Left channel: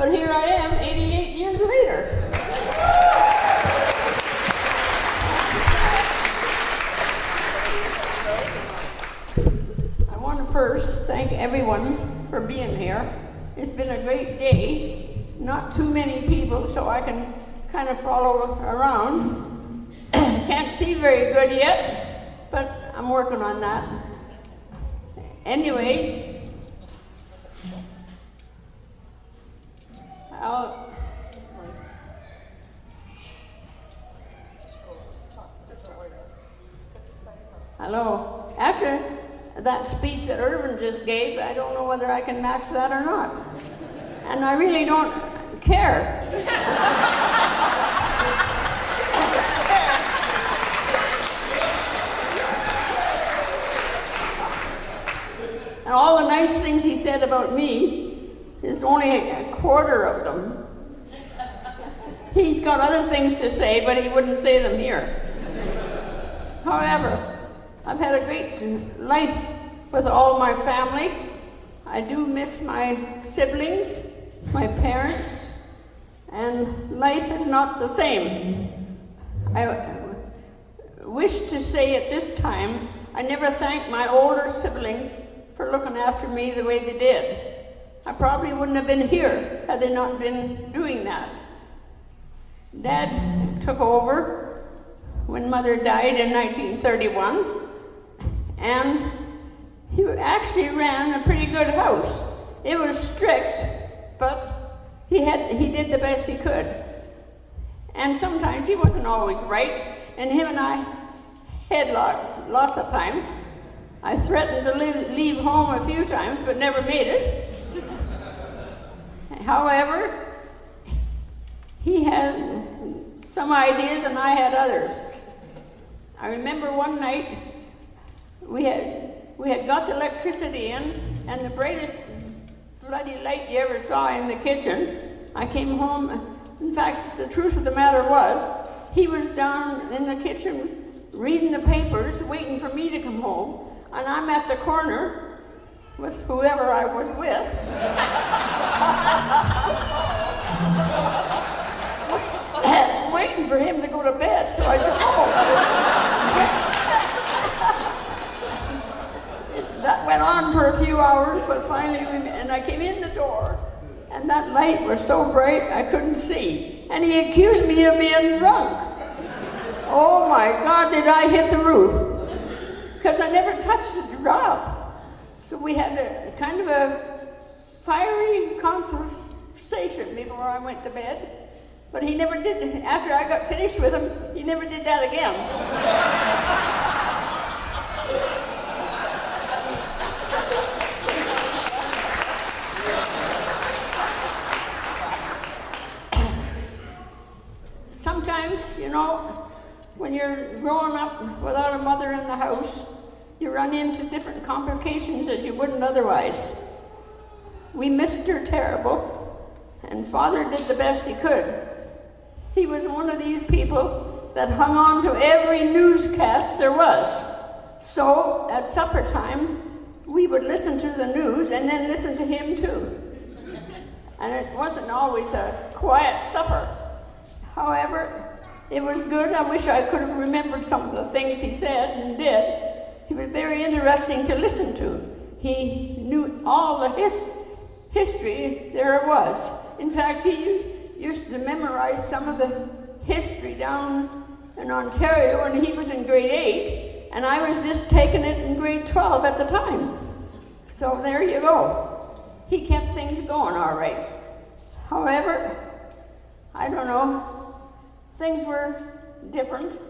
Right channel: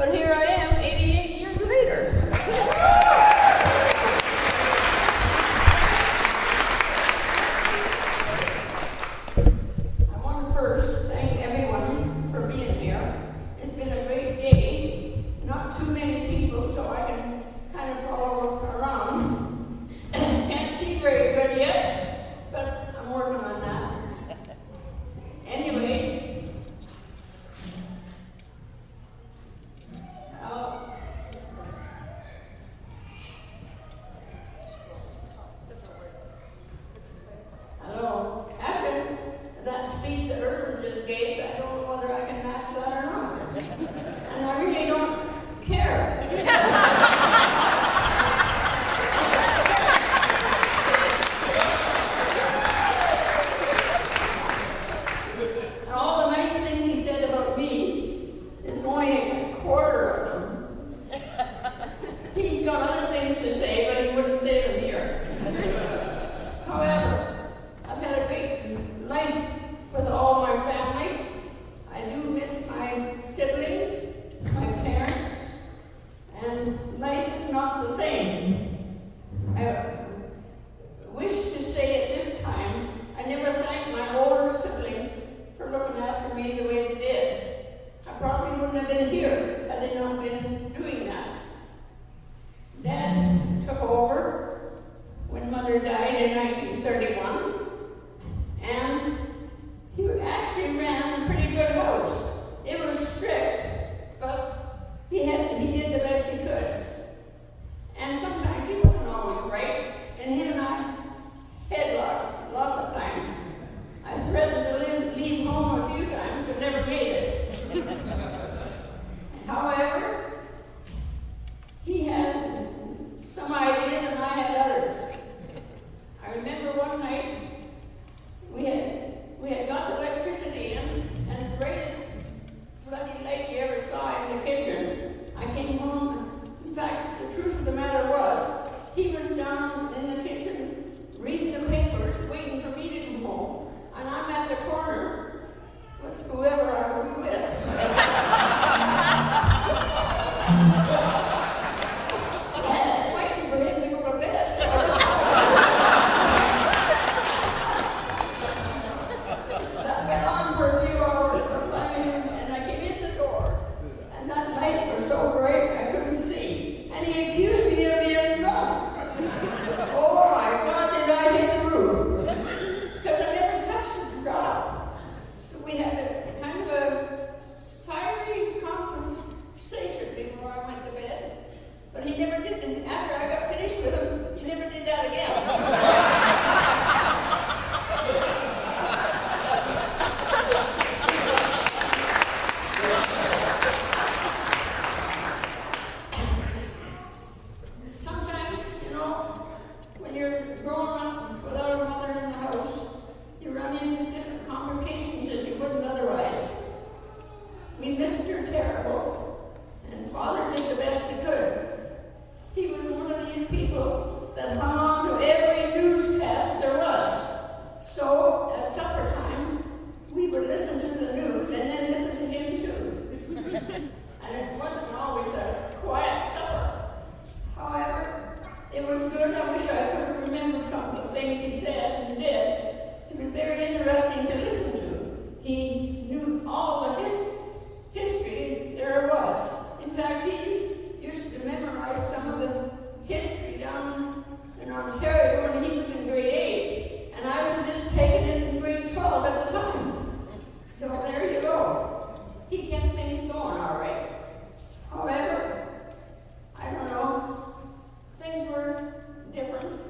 but here I am 88 years later. I want to first thank everyone for being here. It's been a great day. Not too many people, so I can kind of follow around. Can't see very good yet, but I'm working on that. Anyway, hello. After that speech that Irvin just gave, I don't know whether I can match that or not. And I really don't care. And all the nice things he said about me is only a quarter of them. He's got other things to say, but he wouldn't say them here. However, I've had a great life with all my family. I do miss my siblings, my parents, and life is not the same. I wish to say at this time, I never thanked my older siblings for looking after me the way they did. I probably wouldn't have been here had they not been doing that. Dad took over when Mother died in 1931, and he actually ran a pretty good house. It was strict, but he did the best he could. And sometimes he wasn't always right, and him and I had lots of times. I threatened to leave home a few times, but never made it. However, he had some ideas and I had others. I remember one night we had got the electricity in, and the brightest bloody light you ever saw in the kitchen. I came home. In fact, the truth of the matter was, he was down in the kitchen reading the papers, waiting for me to come home. And I'm at the corner with whoever I was with. Waiting for him to go to bed, so I just that went on for a few hours, but finally, and I came in the door, and that light was so bright I couldn't see. And he accused me of being drunk. Oh my God, did I hit the roof? Because I never touched a drop. So we had a kind of a fiery conversation before I went to bed. But he never did, after I got finished with him, he never did that again. Sometimes, you know, when you're growing up without a mother in the house, you run into different complications as you wouldn't otherwise. We missed her terrible, and Father did the best he could. He was one of these people that hung on to every newscast there was. So at supper time, we would listen to the news and then listen to him too. And it wasn't always a quiet supper. However, it was good. I wish I could have remembered some of the things he said and did. He was very interesting to listen to. He knew all the history there was. In fact, he used to memorize some of the history down in Ontario when he was in grade 8, and I was just taking it in grade 12 at the time. So there you go. He kept things going all right. However, I don't know, things were different.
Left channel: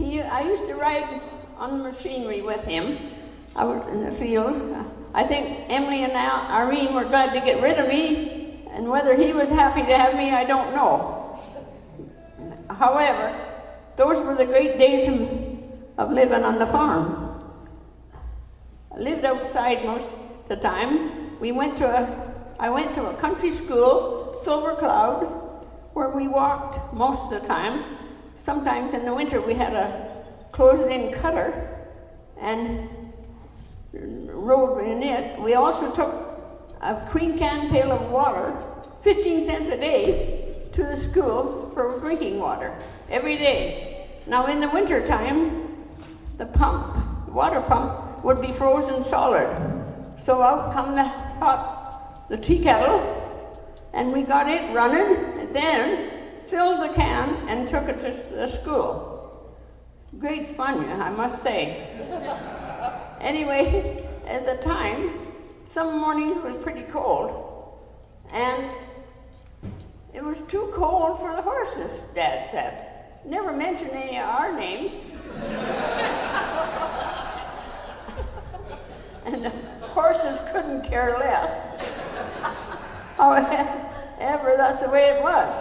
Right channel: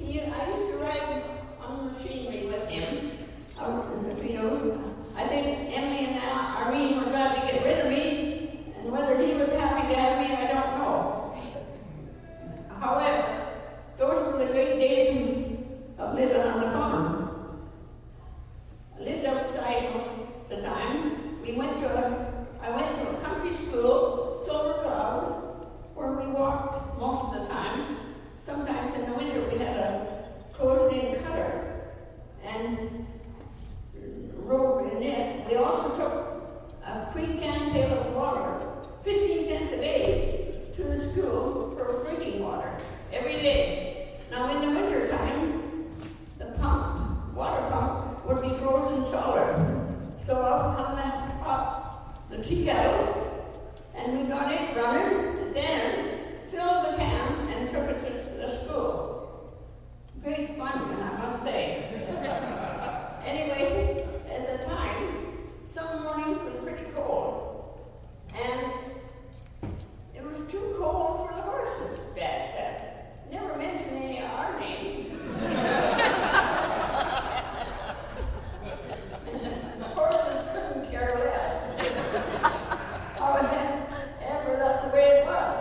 I used to ride on the machinery with him out in the field. I think Emily and Irene were glad to get rid of me, and whether he was happy to have me, I don't know. However, those were the great days of living on the farm. I lived outside most of the time. I went to a country school, Silver Cloud, where we walked most of the time. Sometimes in the winter we had a closed-in cutter and rode in it. We also took a queen can pail of water, 15 cents a day, to the school for drinking water every day. Now in the winter time, the water pump would be frozen solid. So out come the tea kettle, and we got it running, and then filled the can and took it to the school. Great fun, I must say. Anyway, at the time, some mornings was pretty cold, and it was too cold for the horses, Dad said. Never mentioned any of our names. And the horses couldn't care less. However, that's the way it was.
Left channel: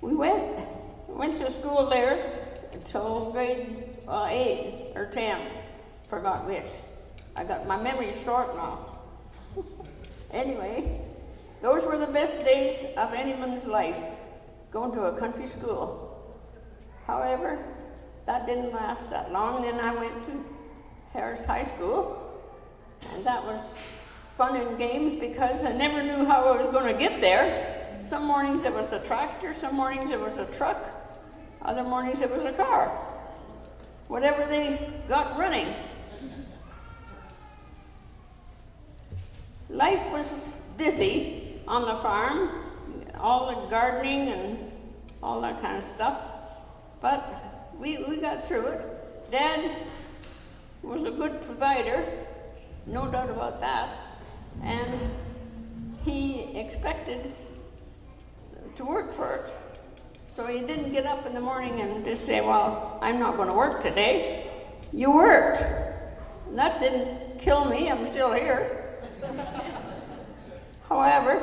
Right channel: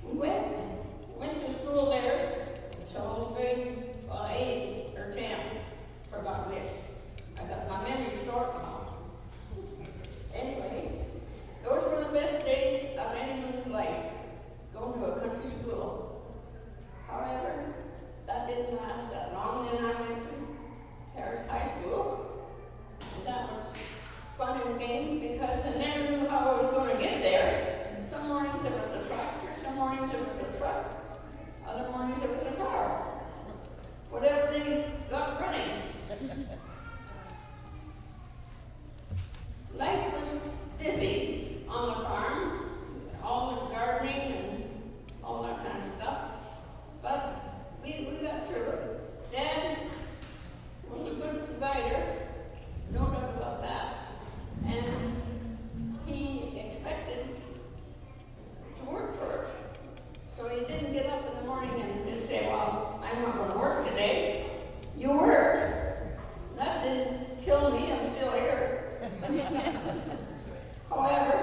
We went to school there until grade 8 or 10. Forgot which. My memory's short now. Anyway, those were the best days of anyone's life, going to a country school. However, that didn't last that long. Then I went to Harris High School, and that was fun and games because I never knew how I was going to get there. Some mornings it was a tractor, some mornings it was a truck, other mornings it was a car. Whatever they got running. Life was busy on the farm, all the gardening and all that kind of stuff, but we got through it. Dad was a good provider, no doubt about that, and he expected to work for it. So he didn't get up in the morning and just say, well, I'm not going to work today. You worked. And that didn't kill me, I'm still here. However,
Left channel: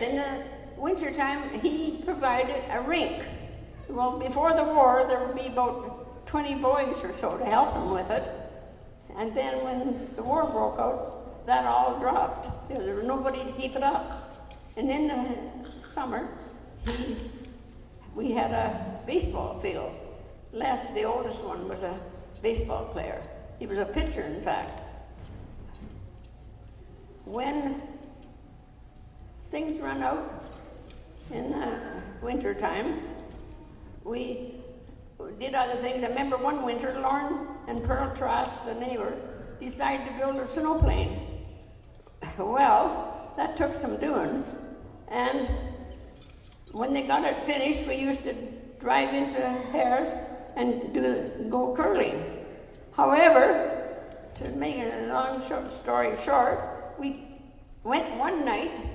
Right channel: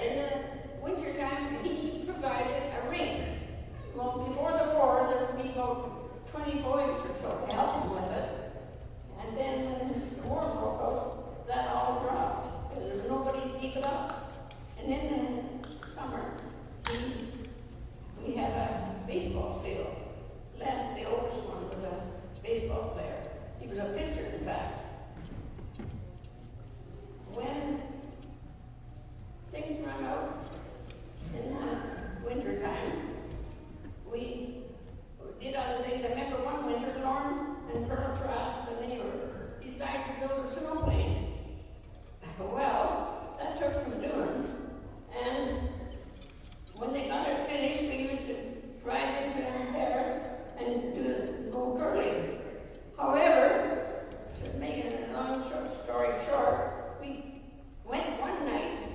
in the wintertime, he provided a rink. Well, before the war, there would be about 20 boys or so to help him with it. And then when the war broke out, that all dropped. There was nobody to keep it up. And in the summer, we had a baseball field. Les, the oldest one, was a baseball player. He was a pitcher, in fact. When things run out in the winter time, we did other things. I remember one winter, Lauren and Pearl Trask, the neighbor, decided to build a snowplane. Well, that took some doing. And when they got it finished, we used to drive into Harris and go curling. However, to make a long story short, we went one night,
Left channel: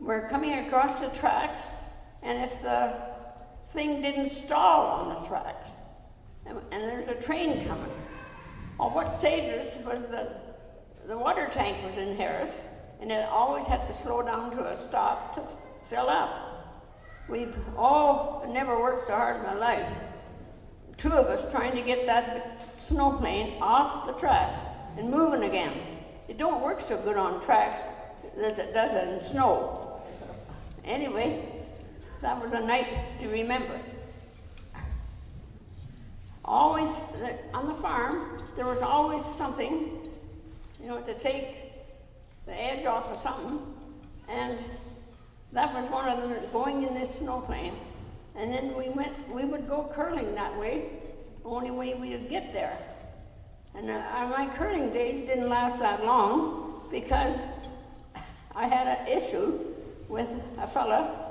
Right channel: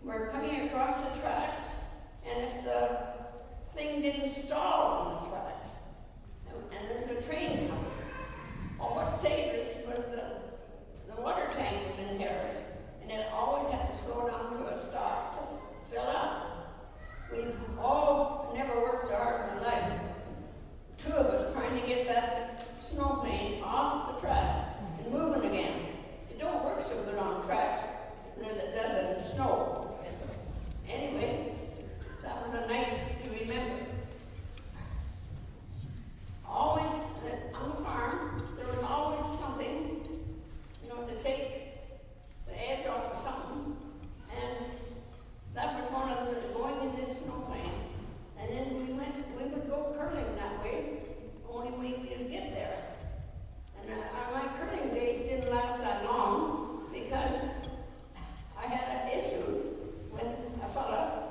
we're coming across the tracks, and if the thing didn't stall on the tracks, and there's a train coming. Well, what saved us was the water tank was in Harris, and it always had to slow down to a stop to fill up. We've all never worked so hard in my life. Two of us trying to get that snowplane off the tracks and moving again. It don't work so good on tracks as it does in snow. Anyway, that was a night to remember. Always, on the farm, there was always something, to take the edge off of something, and that was one of them, going in this snowplane. And then we would go curling that way, only way we would get there. And my curling days didn't last that long, because I had an issue with a fella,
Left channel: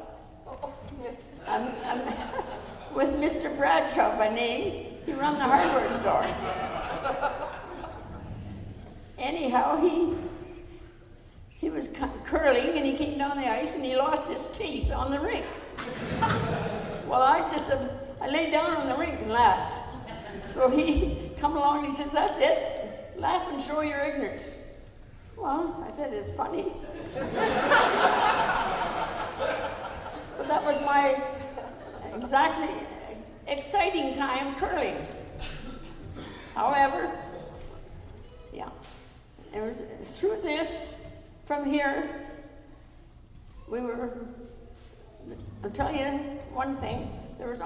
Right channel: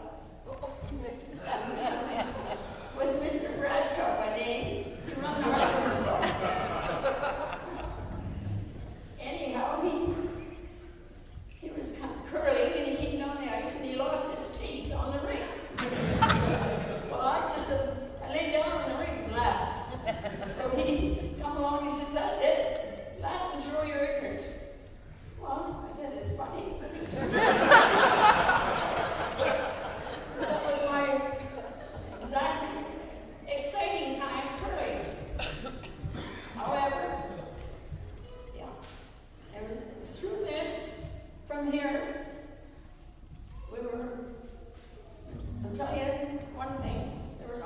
with Mr. Bradshaw by name. He ran the hardware store. Anyhow, he was curling, and he came down the ice, and he lost his teeth on the rink. Well, I lay down on the rink and laughed. So he come along and he says, "That's it. Laugh and show your ignorance." Well, I said, "It's funny." But that was my exciting time curling. However, it was through this, from here, I'll tell you one thing, there was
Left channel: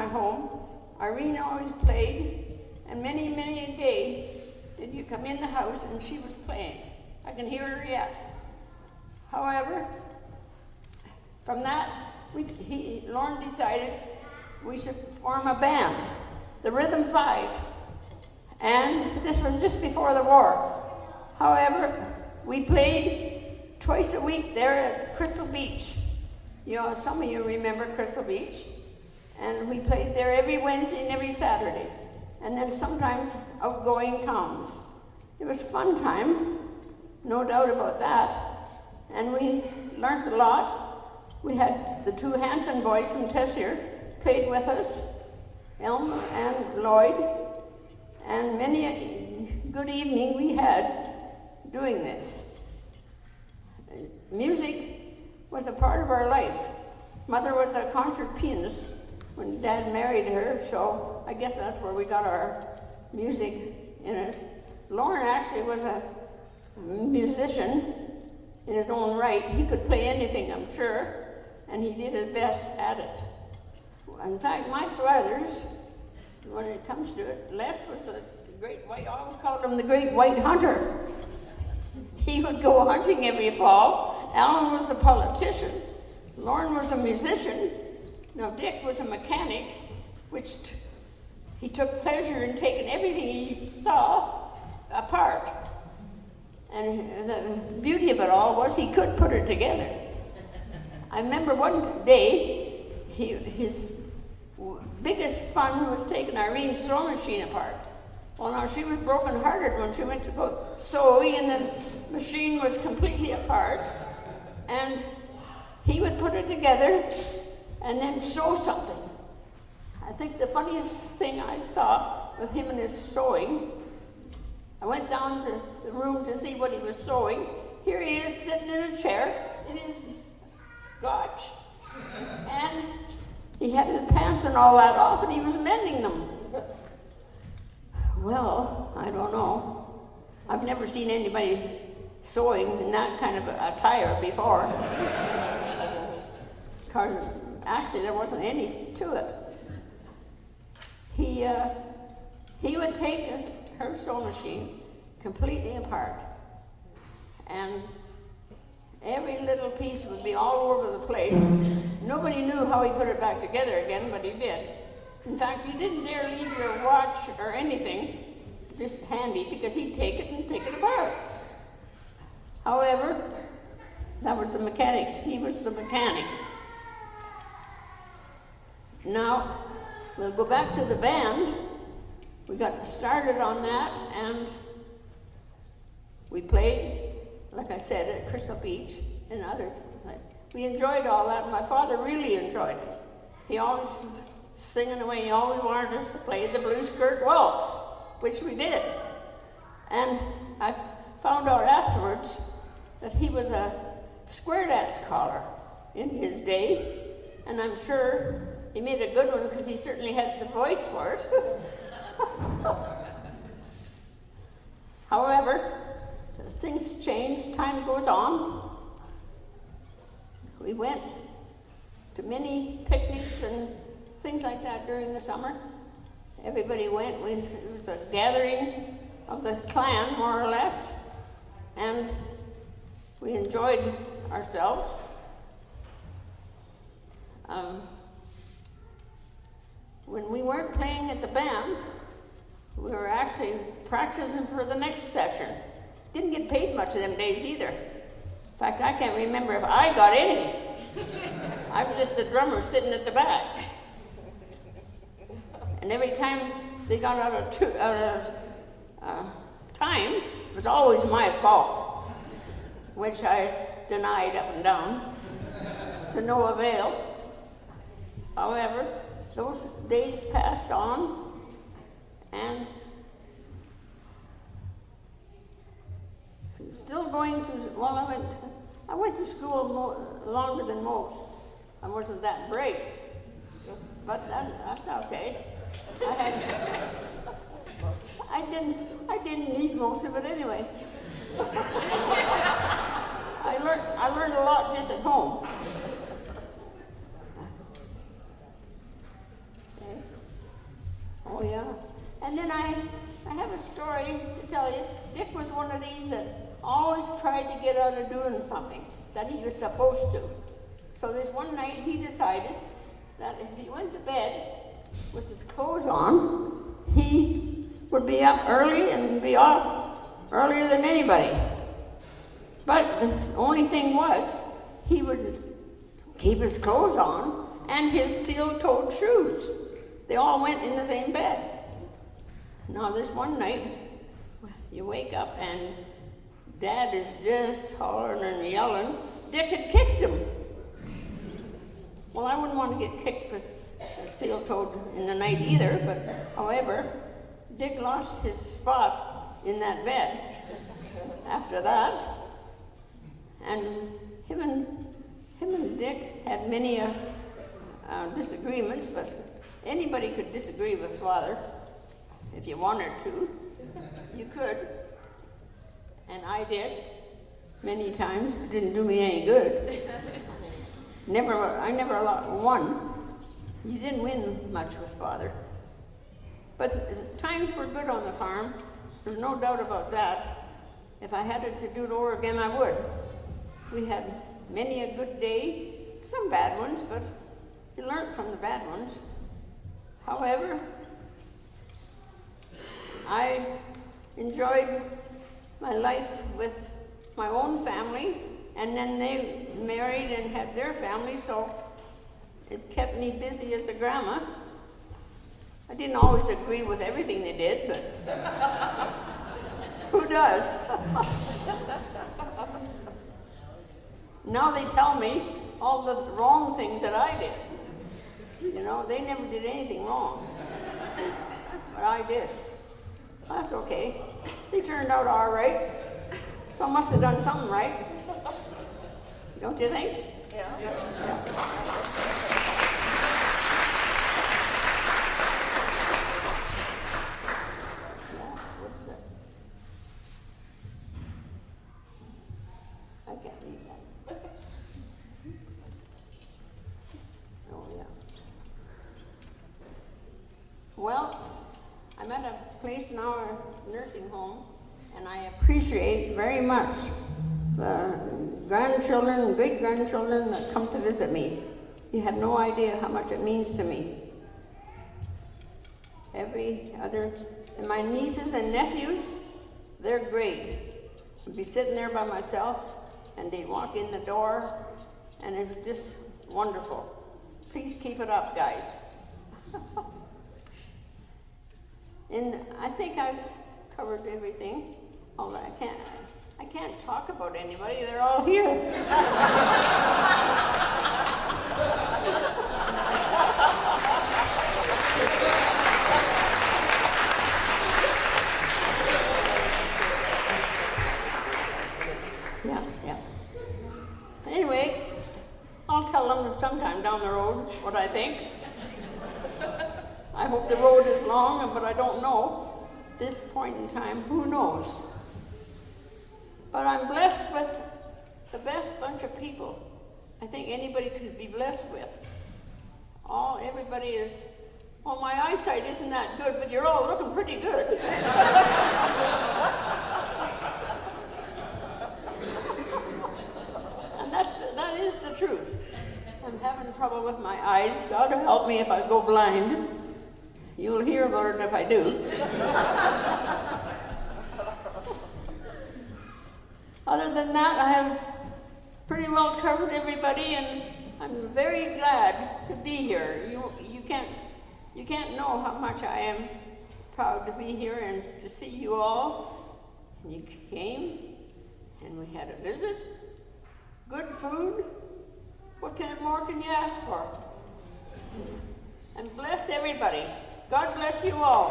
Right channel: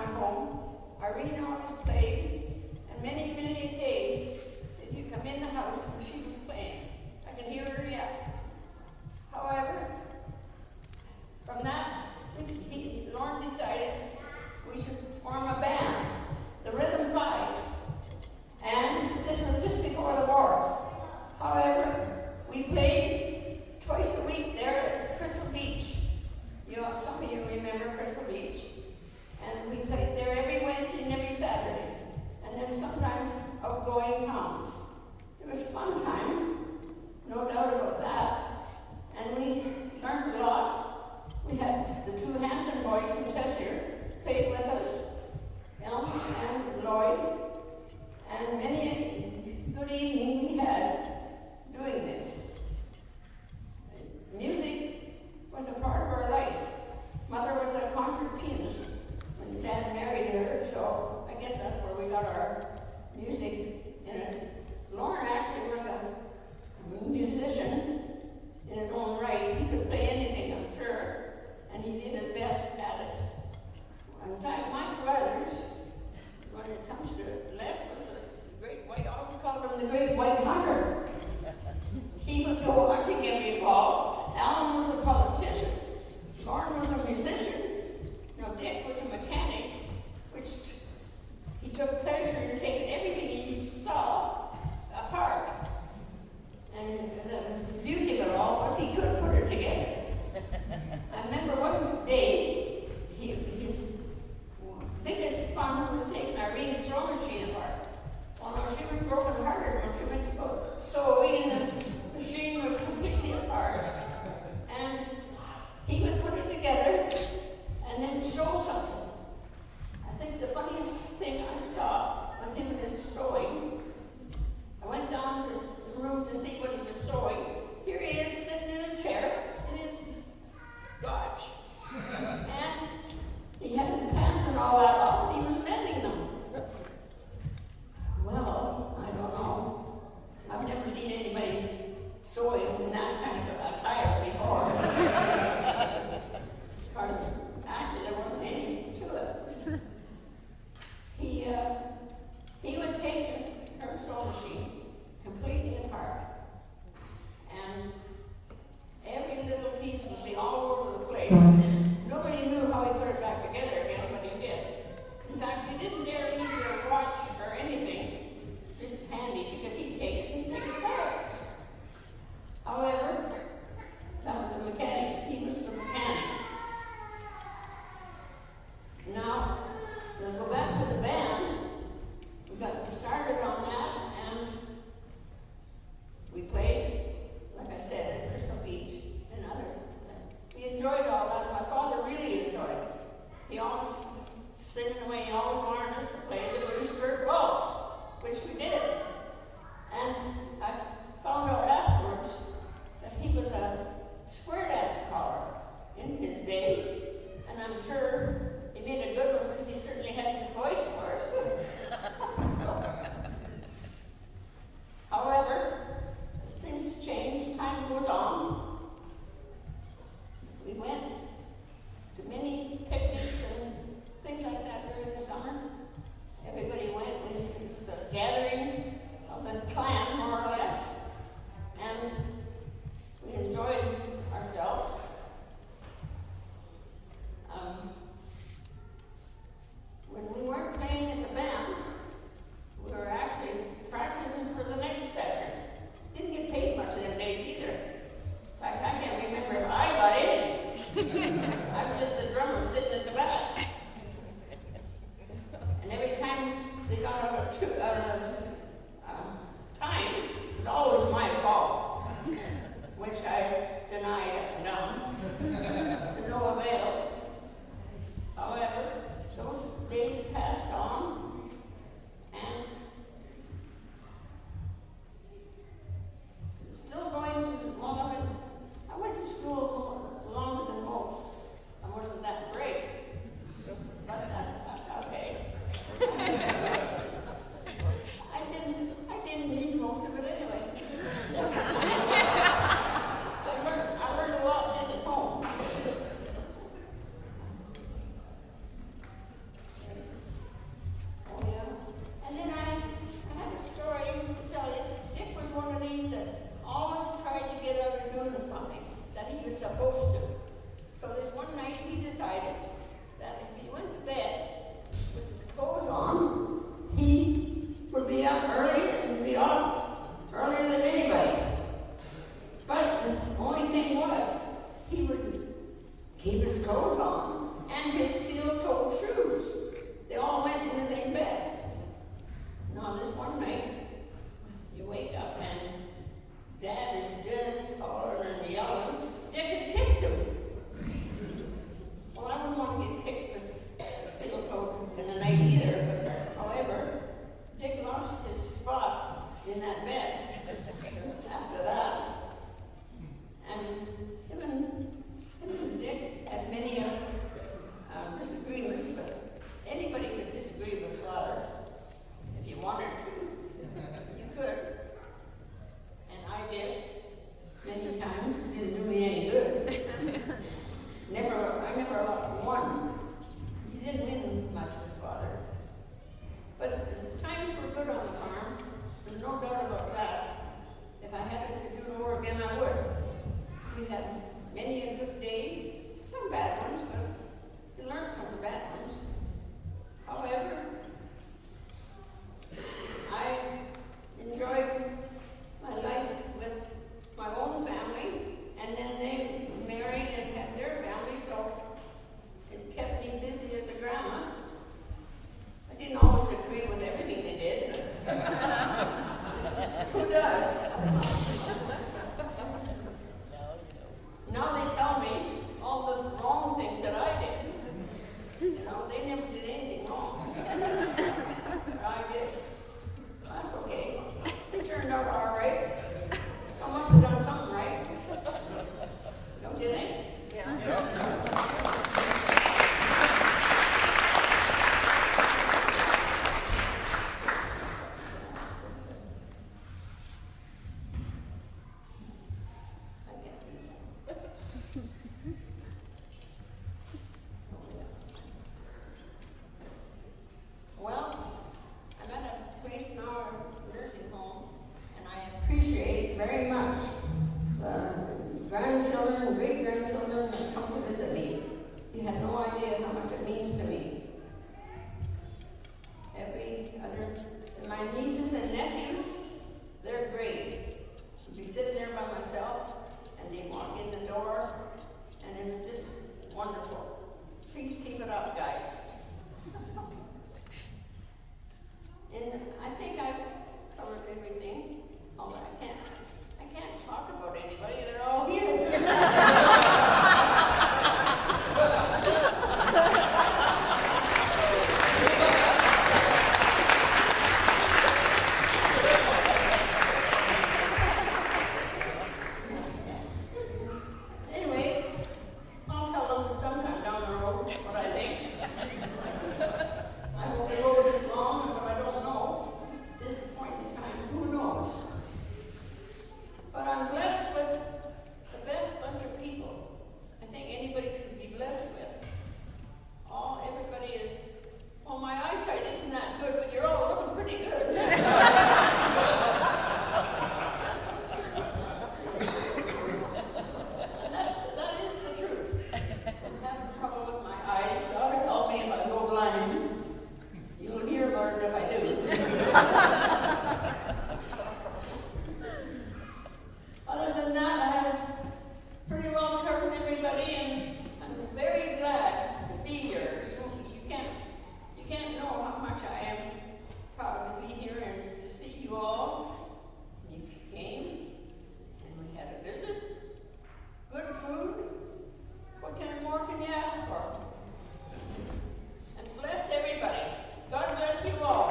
my home, Irene always played, and many, many a day did you come in the house and she was playing. I can hear her yet. However, from that, Lauren decided we should form a band, the Rhythm Five, and this was just before the war. However, we played twice a week there at Crystal Beach. You know, some of you remember Crystal Beach. And we played there every Wednesday and every Saturday. And then sometimes outgoing towns. It was a fun time, no doubt about that. And we learned a lot. We had the two Hanson boys from Tessier played with us, Elm and Lloyd. And many a good evening we had doing this. Music was a part of our life. Mother was a concert pianist when Dad married her, so I guess that's where we got our music in us. Lauren actually was a musician in his own right. He could play anything, I'm sure, and he did his best at it. In fact, my brothers, when it comes to it, Les was the great white, I always called him the great white hunter. He would go hunting every fall. Alan was the politician. Lauren was a musician. Now, Dick was a mechanic, which he took pleasure in taking everything he saw apart. And the beauty of it all was he could put it together. I remember one day, his biggest fun was taking Irene's sewing machine apart. Well, now, she was broken-hearted when she went to go sewing, and the machine was completely apart. And he would put it together and then sew something. I think the funniest thing I saw with him and his sewing, I went down to the room to see what he was sewing. Here he is sitting in a chair in his gotch. And he had his pants and all that off, and he was mending them. Well, I don't know. I've never seen anybody sewing in that kind of attire before. Actually, there wasn't any to it. He would take her sewing machine completely apart, and every little piece would be all over the place. Nobody knew how he put it back together again, but he did. In fact, you didn't dare leave your watch or anything just handy, because he'd take it and pick it apart. However, that was the mechanic. He was the mechanic. Now, we'll go back to the band. We got started on that, and we played, like I said, at Crystal Beach and other. We enjoyed all that, and my father really enjoyed it. He always singing away. He always wanted us to play the Blue Skirt Waltz, which we did. And I found out afterwards that he was a square dance caller in his day, and I'm sure he made a good one because he certainly had the voice for it. However, things change, time goes on. We went to many picnics and things like that during the summer. Everybody went. It was a gathering of the clan, more or less, and we enjoyed ourselves. When we weren't playing at the band, we were actually practicing for the next session. Didn't get paid much of them days either. In fact, I can't remember if I got any. I was just the drummer sitting at the back. And every time they got out of time, it was always my fault, which I denied up and down, to no avail. However, those days passed on, and still going to, well, I went to school longer than most. I wasn't that bright, but that's okay. I didn't need most of it anyway. I learned a lot just at home. up early and be off earlier than anybody. But the only thing was, he would keep his clothes on and his steel-toed shoes. They all went in the same bed. Now this one night, you wake up and Dad is just hollering and yelling. Dick had kicked him. Well, I wouldn't want to get kicked with a steel-toed in the night either, but however, Dick lost his spot in that bed after that. And him and Dick had many disagreements, but anybody could disagree with Father if you wanted to. You could. And I did many times. It didn't do me any good. I never won. You didn't win much with Father. But times were good on the farm. There's no doubt about that. If I had it to do it over again, I would. We had many a good day, some bad ones, but you learn from the bad ones. However, I enjoyed my life with my own family, and then they married and had their family, so it kept me busy as a grandma. I didn't always agree with everything they did, but who does? Now they tell me all the wrong things that I did. You know, they never did anything wrong, but I did. That's okay. They turned out all right. So I must have done something right. Don't you think? Yeah. I can't read that. Oh, yeah. Well, I'm at a place now, a nursing home, and I appreciate very much the grandchildren and great-grandchildren that come to visit me. You have no idea how much it means to me. And my nieces and nephews, they're great. I'd be sitting there by myself, and they'd walk in the door, and it's just wonderful. Please keep it up, guys. And I think I've covered everything. Although I can't talk about anybody. They're all here. Yeah. Anyway, I'll tell them sometime down the road what I think. I hope the road is long, but I don't know. At this point in time, who knows? But I'm blessed with the best bunch of people I think anybody could be blessed with. Everybody is, well, my eyesight isn't that good, but you're all looking pretty good. And that is the truth. I'm having trouble with my eyes. God help me if I go blind. You'll hear about it if I do. Other than that, I have pretty well covered everybody, and I'm very glad to be here. You can't know how much I am proud to be here and to see you all. You came, and we had a visit, good food. What more can you ask for? And bless everybody. God bless you all.